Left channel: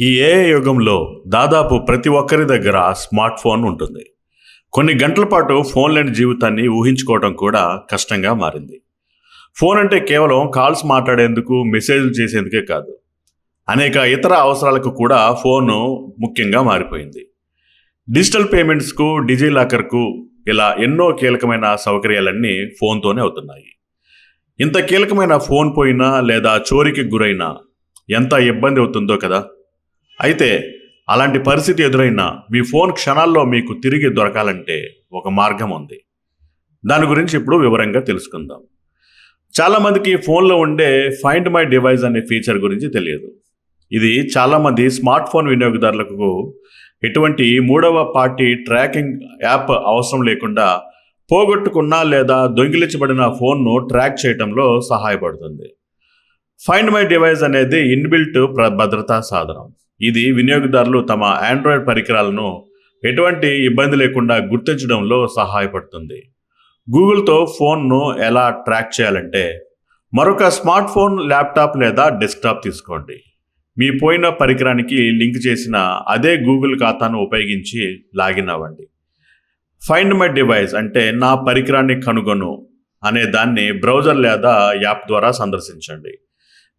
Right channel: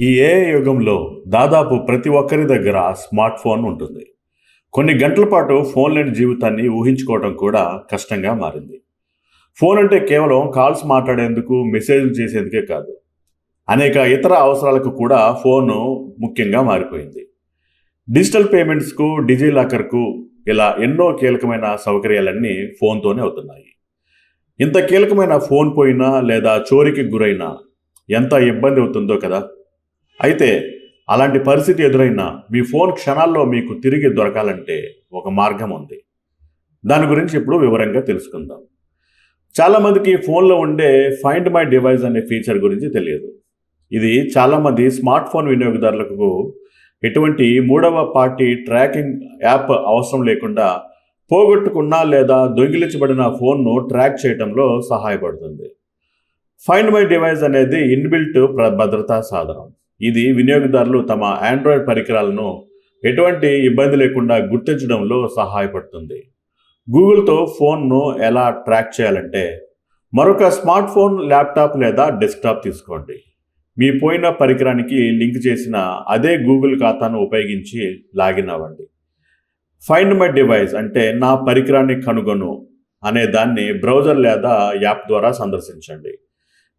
ఈ ఏఐ యుగంలో దాదాపు ప్రతి ఒక్కరి దగ్గర స్మార్ట్ ఫోన్ ఉంటుంది. కొన్ని గంటల పాటు ఫోన్ లేని జీవితాన్ని ఊహించుకోవడం కూడా కష్టంగా మారింది. ఫోన్ అంటే కేవలం కాల్స్ మాట్లాడేందుకు మెసేజ్లు చేసేందుకే కాదు. అనేక ఇతర అవసరాలకు కూడా ఫోను ముఖ్యంగా మారిపోయింది. డిజిటల్ పేమెంట్స్కు డిజిలాకర్కు ఇలా ఎన్నో కీలకమైన సౌకర్యాలన్నీ ఫోన్తోనే అవుతున్నాయి. ఇంత కీలకమైన ఫోన్ పోయినా లేదా చోరీకి గురైనా ఎంత ఇబ్బంది అవుతుందో కదా? అయితే అలాంటి పరిస్థితి ఎదురైనా మీ ఫోన్ క్షణాల్లో మీకు తిరిగి దొరకాలంటే ఒక మార్గం ఉంది. దాని గురించి ఇప్పుడు వివరంగా తెలుసుకుందాం. చాలామందికి ఫోన్లో ఉండే ఫైండ్ మై డివైస్ అనే ఫీచర్ గురించి తెలియదు. ఇది చాలామంది స్మార్ట్ ఫోన్ వినియోగదారులకు ఎటువంటి మూడవ పార్టీ ట్రాకింగ్ యాప్ అవసరం లేకుండా పోగొట్టుకున్న లేదా దొంగిలించబడిన ఫోన్ను ట్రాక్ చేయడంలో సహాయపడుతుంది. ఫైండ్ మై డివైస్ అనేది ఇన్బిల్ట్ ప్ర భద్రతా సాధనం. ఇది వినియోగదారులు తమ ఆండ్రాయిడ్ పరికరాలను ఎటువంటి ఇబ్బంది లేకుండా గుర్తించడంలో సహాయపడుతుంది. గూగుల్తో ఫోన్ను ఎలా ట్రాక్ చేయాలంటే మరొక స్మార్ట్ ఫోన్ ల్యాప్టాప్ లేదా డెస్క్టాప్ తీసుకోండి. మీ పోయిన పరికరానికి లింక్ చేసిన అదే గూగుల్ ఖాతాను ఉపయోగించి లాగిన్ అవ్వండి. ఫైండ్ మై డివైస్ అంటే నా పరికరాన్ని కనుగొను అనే దాన్ని బ్రౌజర్ లేదా యాప్ ద్వారా సందర్శించండి.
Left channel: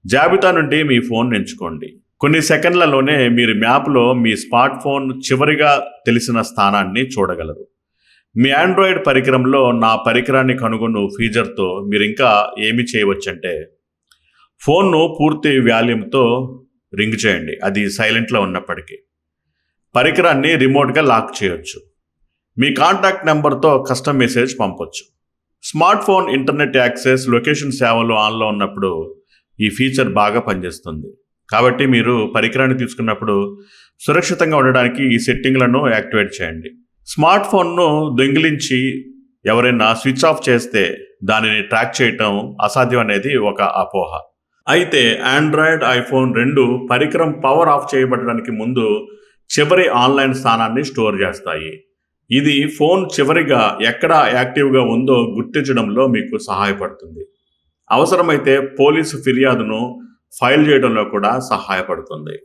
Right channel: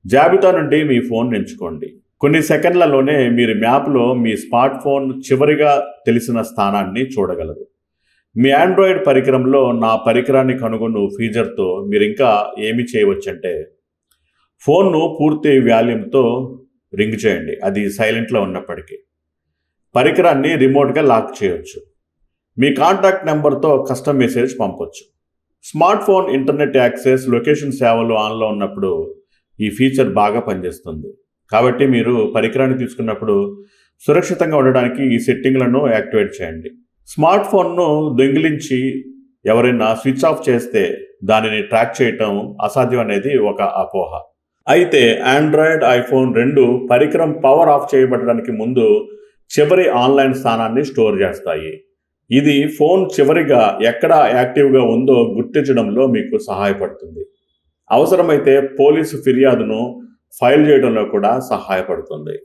జాబితా నుండి మీ ఫోన్ ఎంచుకోండి. కొన్ని సెకండ్లలోనే మీరు మ్యాప్లో మీ స్మార్ట్ ఫోన్ చివరిగా తెలిసిన స్థానాన్ని చూడగలరు. మీ ఆండ్రాయిడ్ పరికరంలో నా పరికరాన్ని కనుగొను ఫీచర్తో మీరు ఇంకా ఏమి చేయవచ్చంటే ఫోన్ను పూర్తి వాల్యూమ్తో రింగ్ చేయండి. అది సైలెంట్లో ఉన్నప్పటికీ. పరికరాన్ని రిమోట్గా లాక్ చేయొచ్చు. మీ కాంటాక్ట్ నెంబర్తో కస్టమ్ మెసేజ్ పంపొచ్చు. Smart phone internet access location సేవలు ఆన్లో ఉన్నప్పుడు ఈ ఫీచర్ బాగా పనిచేస్తుంది. కాబట్టి మీరు పరికరాన్ని తీసుకున్నప్పుడు సురక్షితంగా ఉండడానికి ఈ సెట్టింగ్లను యాక్టివేట్ చేయండి. స్మార్ట్ ఫోన్ను దొంగిలించి ఎవరైనా స్విచ్ ఆఫ్ చేస్తే దానిని ట్రాక్ చేయటం అసాధ్యం అనేది ఒక అపోహ. అయితే ఆండ్రాయిడ్ ఐఫోన్ రెండు పరికరం పవర్ ఆఫ్ చేయబడడానికి ముందు చివరి ఆన్లైన్ స్థానాన్ని స్టోర్ చేస్తాయి. ఇది ఫోన్ చివరిగా ఎక్కడ యాక్టివ్గా ఉందో గుర్తించడంలో మీకు సహాయపడుతుంది. అవసరమైతే పోలీసు ఫిర్యాదును ఫైల్ చేయడంలో కూడా సహాయపడుతుంది.